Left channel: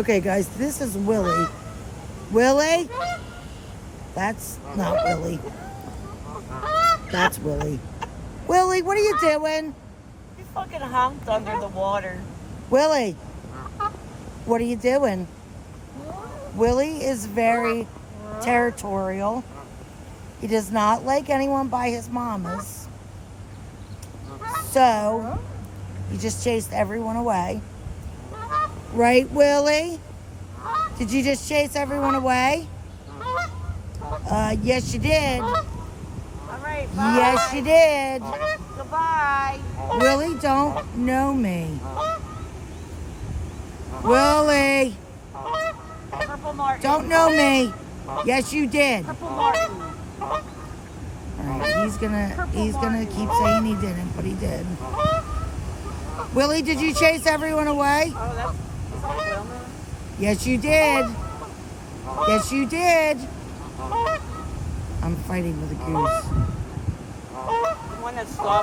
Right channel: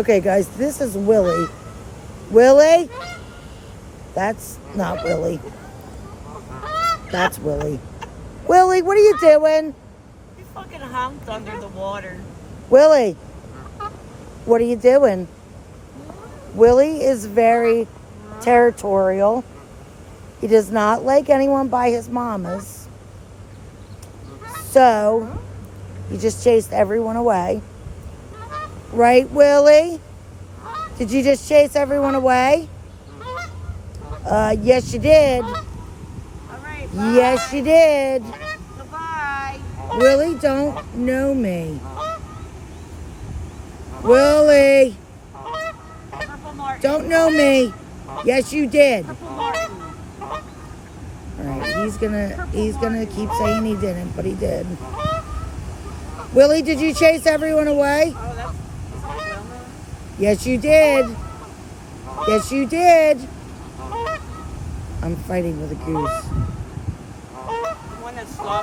Okay, guys, this is Willy. Willy? That's not Willy. That's Willy. Willy, what are you doing? He fucking humped under the water. Willy, what are you doing? Willy is very territorial. He does not like anyone by his mama's. So, he just chased everyone away. Right, Willy? Did you just chase everyone away? Yes, you did. All right, bye. Yes, you did. Goodbye. Willy don't know me. Willy, Purple Martin. don't know me. Yes, you did. Purple Martin. All right, he's gonna keep saying he didn't, but he did. Willy, did you chase everyone away? Oh, that's Wilma. Yes, you did. Yes, you did. I'm fighting with a goose. The one that stopped.